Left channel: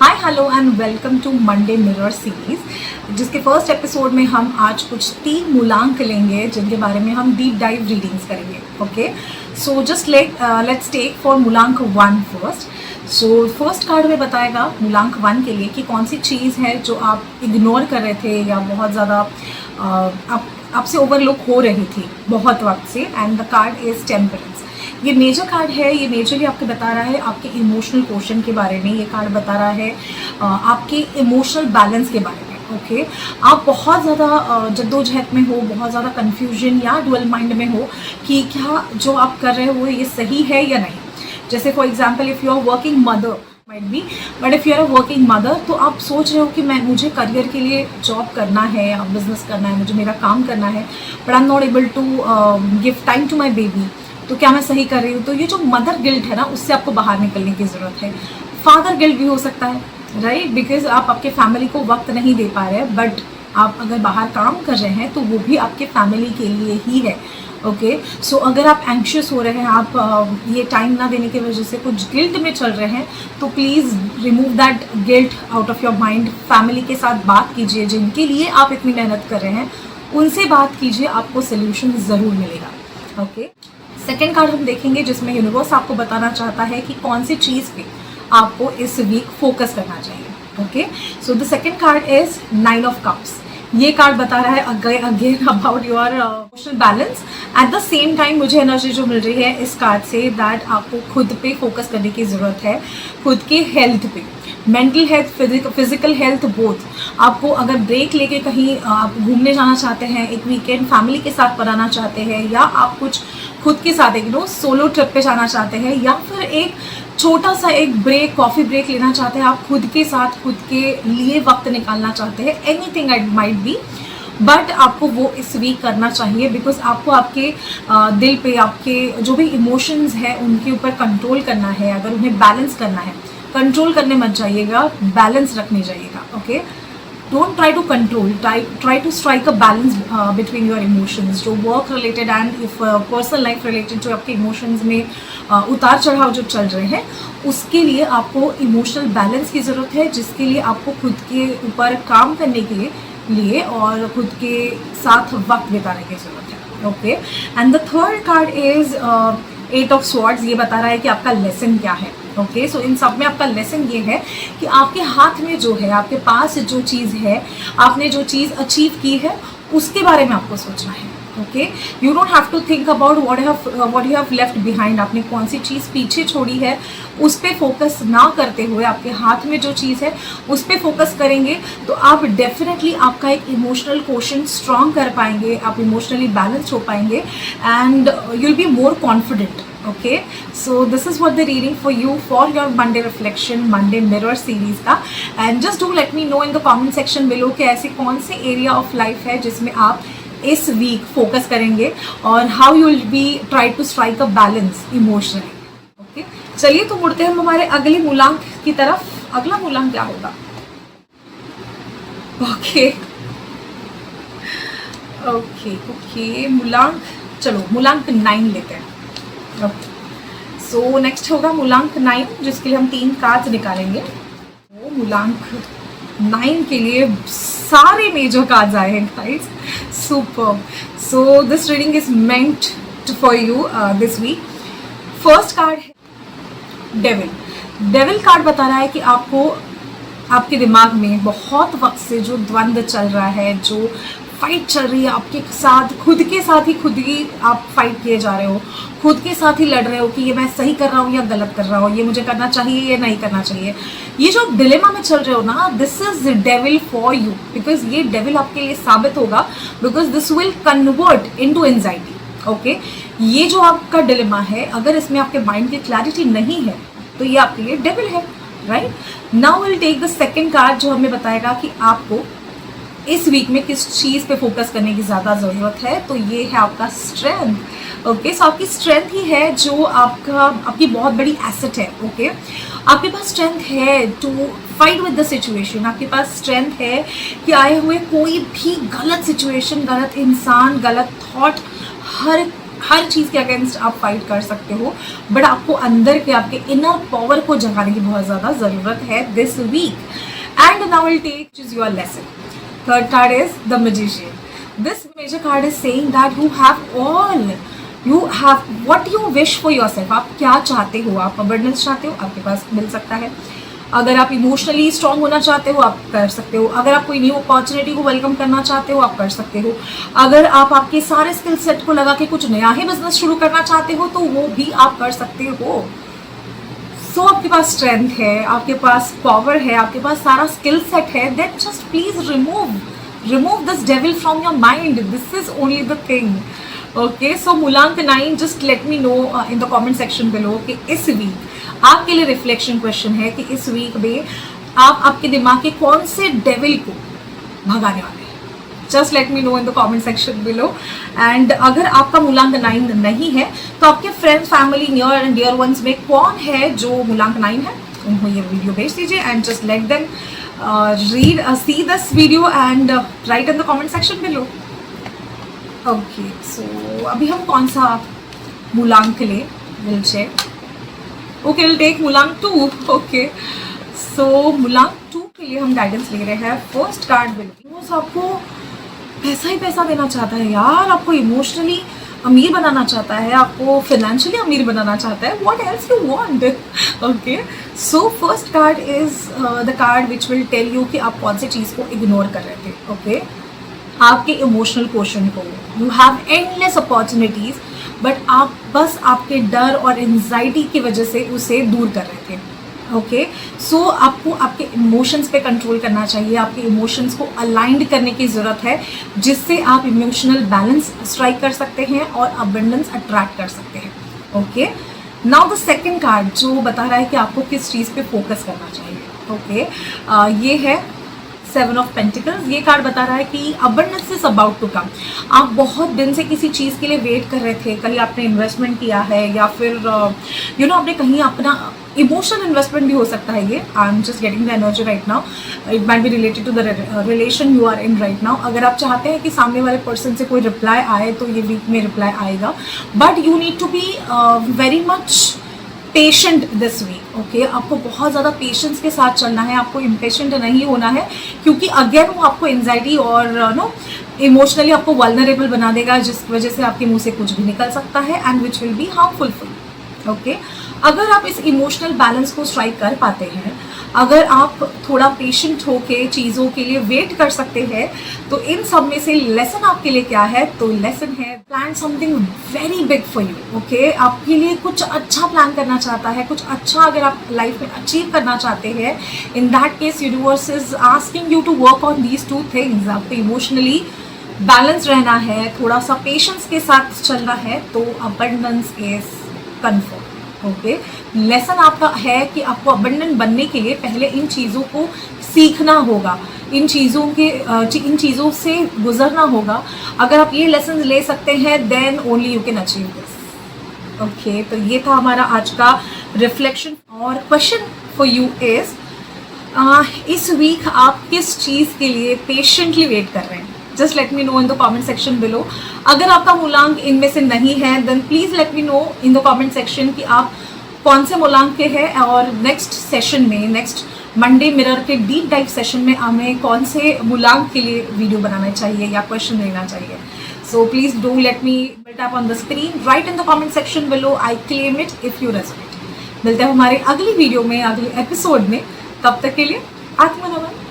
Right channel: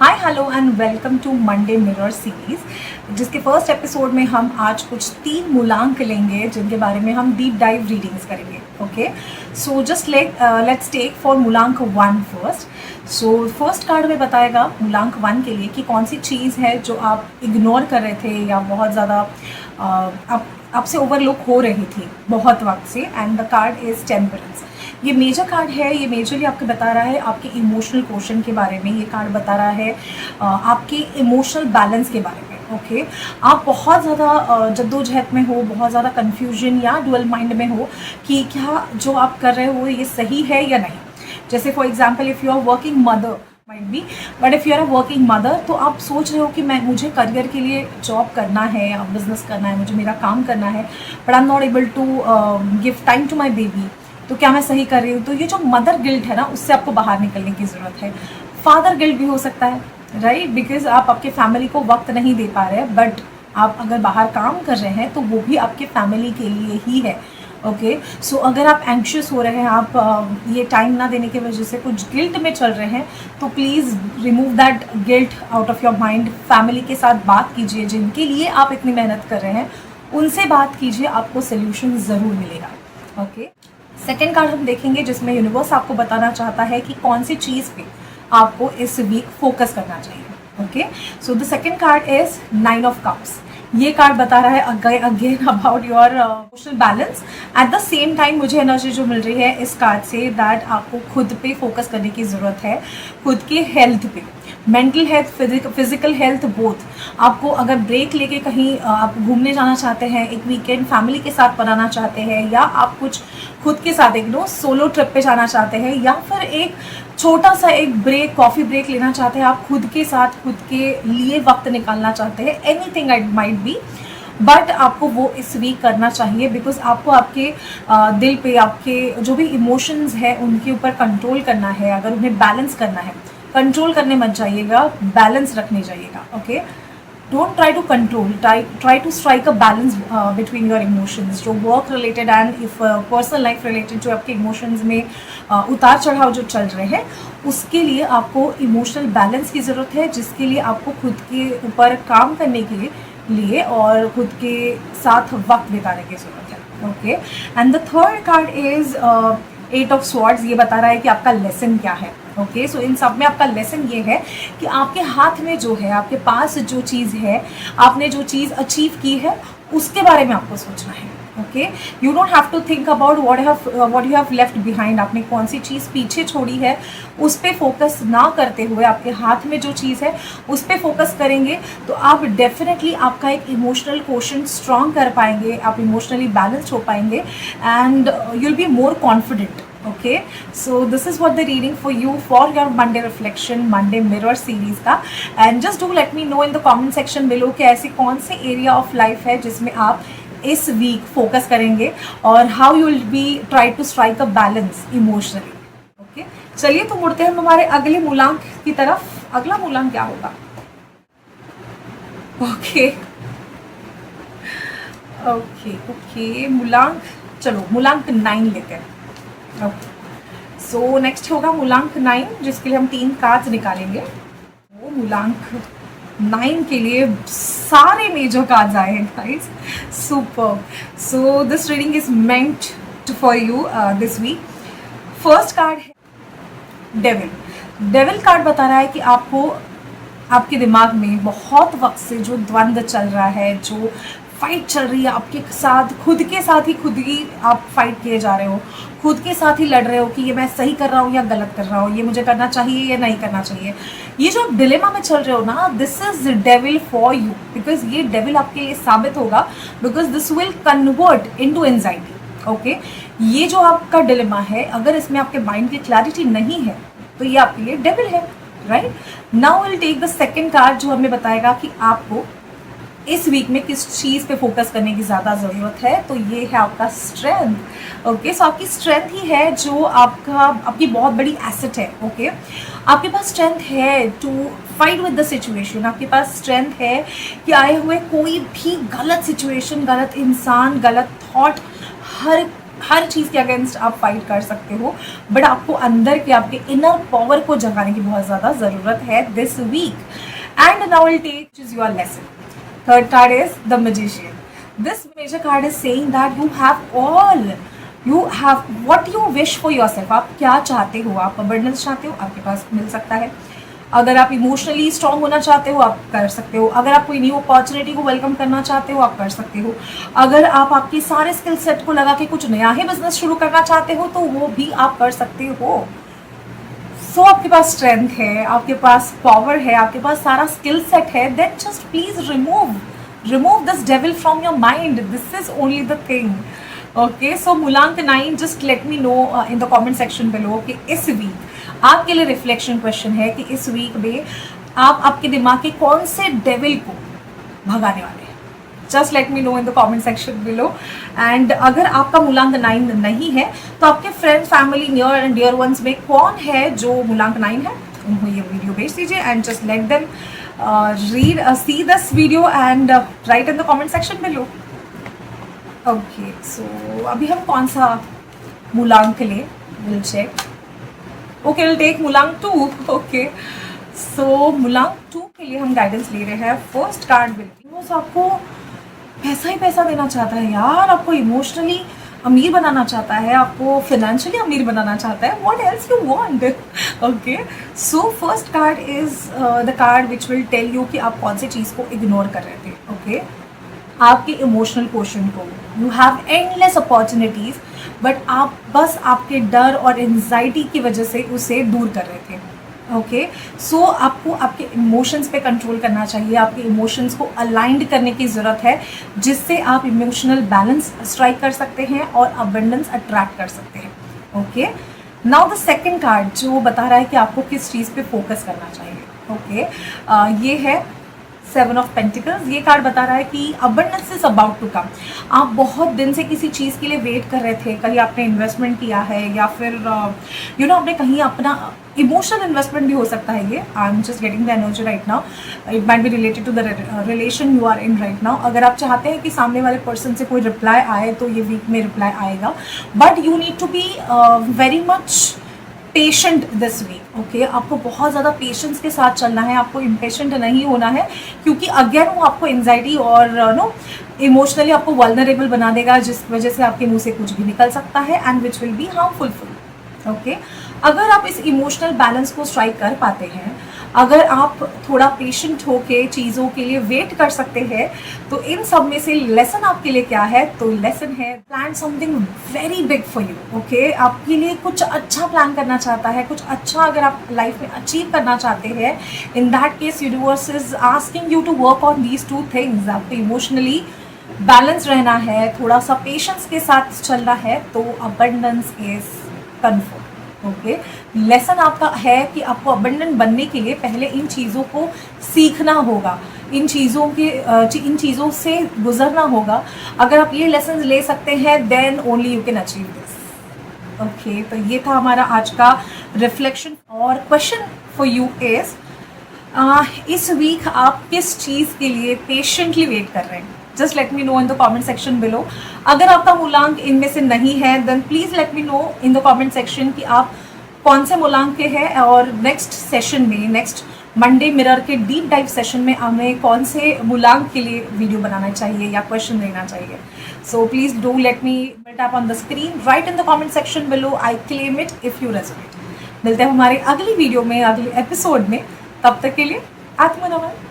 Hi hello and welcome to Monday mirror series, जिसके first episode में हम आज कुछ 3 मूलांक लेंगे जिनके बारे में हम डीप डाइव रीडिंग्स करेंगे। Okay, so just let's take for मूलांक 1 फर्स्ट। सो फर्स्ट कार्ड में बताएगा मूलांक 1 के लिए कि कौन सी चीज़ है जो आप इग्नोर कर रहे थे या बहुत ज़्यादा आपसे ओवरलुक हो रही थी बहुत वक्त से। And the card is temperance. ये मेजर कार्ड है, ये मेजरली आपको बता रहा है आपके इमोशनल क्वेश्चन के बारे में। ये कार्ड बता रहा है आपके इमोशनल बैलेंस के बारे में। ओके, आप बहुत ज़्यादा जद्दोजहद में हो, बहुत ज़्यादा कन्फ्यूजन या डुअल माइंड में हो कि क्या जो आप कर रहे हो ये सही है या नहीं। जैसे for example if you are working mother might be, but if you are a working mother तो आप सोच रहे हो कि मुझे करियर के लिए जॉब करना है या बिजनेस करना है, मुझे मेरा काम करना है, but I am not able to give time to my baby. तो क्या मैं सही कर रही हूँ? तो ये जो मदर गिल्ट है ना, उससे आपको बाहर निकलने की ज़रूरत है। फादर गिल्ट भी हो सकता है, राइट, बिकॉज आप आपके फैमिली को वक्त नहीं दे पा रहे हैं, बट आप अगर बाहर काम कर रहे हैं तो वो भी आपके फैमिली के लिए ही है। ओके, सो अगर आप एंक्शियस हो रहे हैं, आप ये टाइम ना देने की वजह से कुछ गिल्ट में चल रहे हैं, तो please remove that guilt out of your mind. Family के साथ बात कीजिए, जिनके लिए आप इतनी मेहनत कर रहे हैं उनसे बात कीजिए, आपको सोल्यूशन ज़रूर मिलेगा। ओके, सेकेंड कार्ड हम देखेंगे जिसमें यूनिवर्स आपको बताना चाहता है कि कौन सी चीज़ पे आपको इस वीक फोकस करना चाहिए। Okay, so the second card is 9 of cups. ये कार्ड बता रहा है again about your emotional balance. At the same time मुझे एनर्जी जो मिल रही है इस कार्ड से दैट आपको खुद पे फोकस करने की ज़रूरत है, खुद के हेल्थ पे, mental health, physical health both. आपको अगर ब्रेक लेके कहीं आप घूमने जाना चाहते हैं, एक वीकेंड फैमिली के साथ बनाना चाहते हैं, या आप कुछ खुद के साथ एक सोलो ट्रिप पे जाना चाहते हैं, या फिर एक छोटा सा एक ब्रेक, कॉफ़ी ब्रेक लेना चाहते हैं, आप खुद के साथ खुद के लिए वक्त निकालना चाहते हैं, anything it might be, but आपको वो इस वीक करना चाहिए। बिकॉज आपको आपके दिल पे, आपके जो भी इमोशंस हैं उनके ऊपर कंट्रोल करना है। अगर उन्हें बैलेंस करना है, कंट्रोल करने मत जाइएगा, बैलेंस रखने जाइएगा। Okay, don't try to control, try to strike a balance between your emotions. जो work related and if personal life related जो आपके इमोशंस में उतार चढ़ाव जो चल रहे हैं, उसके लिए आपको इमोशनल बैलेंस की ज़रूरत है, जिसके लिए आपको खुद के ऊपर काम करने के लिए और खुद के साथ वक्त बिताने की ज़रूरत है। Okay, and the third card is 8 of swords. ये बता रहा है कि आपका लेसन क्या है। ओके, सो इन सब में आपका लेसन ये है कि आपके हाथ में जो है, आपके पास जो चीज़ है, आपने जो चीज़ अचीव की है उसके बारे में आपको सोचना है। Okay, you don't have to think about what you have left behind. आपने कौन सी चीज़ पीछे छोड़ी है उस पर फोकस ना करते हुए आपके हाथ में जो चीज़ है उस पर फोकस करेंगे तो आप डेफिनेटली आपका एक इमोशनल क्वेश्चन स्ट्रॉन्ग कर पाएंगे, आप इमोशनली बैलेंस्ड हो पाएंगे and you will be more confident. Okay, so this is what the reading for you for your Monday reflection, Monday mirror series का। and just do let me know in the comment section below कि ऐसे कौन से area of life है जिसमें आप इस week focus करेंगे और how you will be try to strike a balance emotionally। okay, चलिए तो मुड़ते हैं हम हमारे अगले मूलांक की तरफ। अगला मूलांक क्या होगा? ओके ओके ओके, मूलांक, चलो मूलांक 9 लेते हैं। ओके, सो नेक्स्ट होगा मूलांक 9, जिसके लिए हम 3 कार्ड्स निकालेंगे। वो मूलांक 9 के लिए सारे मेजर कार्ड्स आए हैं guys, super. So this reading is meant for you this week. First card है डेविल। डेविल कार्ड बता रहा है कि आपको आपके दिमाग में बहुत वक्त से जो द्वंद्व चल रहा है, जो फाइट चल रही है आपके साथ, खुद के साथ ही खुद ही आप फाइट किए जा रहे हो, खुद के साथ ही लड़ रहे हो कि ये मैं सही कर रहा हूँ या गलत कर रहा हूँ, ये मुझे करना चाहिए या नहीं करना चाहिए। ये जो डिलेमा में चल रहे हो ना, this is devil for you, because ये डेविल आपके लिए साबित होगा, because this will convert into anxiety. Okay, ये जो आपका डिलेमा है, अगर इसमें आपके माइंड की क्लैरिटी नहीं है तो ये आपके लिए डेविल है, right. Now will take the second card जो हमें बताएगा कि आपको इस वीक में किस चीज़ पे फोकस करने की ज़्यादा ज़रूरत है। तो ये है आपका स्ट्रेंथ। ओके, सो आपकी स्ट्रेंथ ही है जो आपकी बहुत बड़ी एसेट है। ओके, आपके पास स्ट्रेंथ है to fight with the situation. आपके पास स्ट्रेंथ है कि आए हुए कोई भी गलत सिचुएशन, गलत इंसान, गलत थॉट, हर हर चीज़ के अगेंस्ट आप फाइट कर सकते हो, बट आपको अंदर के आपके इनर पावर को जगाने की बहुत ज़्यादा ज़रूरत है this week. And now will take is your lesson. Third card is the magician. This major card is saying that you have all, you have what you wish for yourself. आप क्या चाहते हो, आप abundance चाहते हो, आपके पास मिल सकता है. अगर आप इमोशनली स्ट्रांग होना चाहते हो, आप कर सकते हो. अगर आप कोई न्यू अपॉर्चुनिटी को वेलकम करना चाहते हो, आप कर सकते हो. अगर आप आपके सारे स्किल सेट को लगा के कुछ नया ही बिजनेस शुरू करना चाहते हो, तो वो भी आप कर सकते हो. सो आपके पास स्ट्रेंथ है, आपके पास पावर है, आपके पास सारा स्किल सेट है. Then just please remove this devil from your mind. This is only the thing. Okay, so मूलांक 9, just let me know in the comment section below कि इस वीक आपके लिए रिफ्लेक्शन क्वेश्चन है कि इस वीक में आप आपके दिमाग के कौन से डेविल को भगाने वाले हैं. Just let me know in the comment section below. And अगर आपका मूलांक 9 नहीं है, तो आपके friends, family, near and dear ones में कौन है जो मूलांक 9 है, उनको ये वीडियो भेज दीजिए and just let them see this video and write in the comment section below. Okay, so अभी हम कौन सा मूलांक ले, we'll check. Okay, we'll take मूलांक 2. ओके, सो मूलांक 2 के लिए हम गाइडेंस ले रहे हैं. फर्स्ट कार्ड विल आपको पैसा ही पैसा देना चाहता है यार, आपको इमोशनली अमीर बनाना चाहता है, आपको फाइनेंशियली अमीर बनाना चाहता है. What else you want. Okay, so first card is the card which will tell you कि आप कौन सी चीज़ को इग्नोर कर रहे थे. ओके, आपके इमोशनल क्वेश्चन को. You have endless opportunities, but आप बस आपके डर और एंजाइटी की वजह से उसे दूर कर रहे थे. ओके, सो आपको आपके इमोशंस पे कंट्रोल करना चाहिए. आपके इमोशंस को अलाइंड करने की ज़रूरत है, जिससे आप इमोशनल बैलेंस स्ट्राइक कर सकते हैं और अबंडेंस अट्रैक्ट कर सकते हैं. Okay, now the second card जो बता रहा है कि आपको किस चीज़ पे फोकस करना चाहिए. ओके, ये है 7 ऑफ पेंटिकल्स. ये कार्ड बता रहा है कि abundance is about to come. आप बहुत दिन से किसी चीज़ के लिए वेट कर रहे थे. कहीं आपने इन्वेस्टमेंट किया है, या फिर यू नो आपने कहीं अपना इमोशनल इन्वेस्टमेंट भी हो सकता है. ये I am just getting the energy right now. It might be related to the relation you are in right now. अगर आप चाहते हैं कि सामने वाले पर्सन से कोई रिप्लाई आए, तो ये वीक में रिप्लाई आएगा. But you need to be very much patient this week. Okay, आपको बहुत ज़्यादा पेशेंस के साथ चलना है. आपको इम्पेशेंट नहीं होना है, क्योंकि अगेन वो आपको एंजाइटी और नो इमोशनली आपको वल्नरेबल बना देगा, जिस वजह से आपके मुंह से कुछ भी निकल सकता है and which will be harmful for you. Okay, अगर आप इस इमोशनल बैलेंस को स्ट्राइक कर पाते हैं, अगर आप थोड़ा पेशेंट होके चीज़ों के लिए वेट कर सकते हैं, तो इन सब में से लेसन आपके लिए क्या है. तो लेसन है plan something very big for you. Okay, आपके लिए कुछ अच्छा प्लान करना चाहता है, कुछ अच्छा अगर आप लाइफ में अचीव करना चाहते हैं. In that case universe is asking you to work on these 2 things. आपको इमोशनली बैलेंस रहना है, थोड़ा सा पेशेंस के साथ चलना है, तो abundance is confirm. Okay, lesson आपका है कि आपको अबंडेंट बनने के लिए पहले इन चीज़ों को सीखना होगा, इन चीज़ों से गुजरना होगा. अगर आप ये लेसन ले सकते हैं, then only you can achieve this. Okay, तो ये था हमारा आज का रिफ्लेक्शन. और क्वेश्चन फॉर यू इज, इस वीक आप किस चीज़ के लिए पेशेंटली वेट कर रहे हैं. Just let me know in the comment section below. अगर आपका मूलांक इनमें से नहीं है, then please let me know in the comment section कि आप कौन से मूलांक के हैं. और नेक्स्ट सेशन में, नेक्स्ट मंडे मिरर के डीप डाइव सेशन में हमें कौन से मूलांक के लिए वीडियो बनाना चाहिए या क्वेश्चन देना चाहिए. So please do let me tap on the screen, right in the comment section below. I claim it if you resonate. मिलते हैं हमारे अगली वीडियो में, अगले एपिसोड में. तब तक के लिए आत्मा नमन.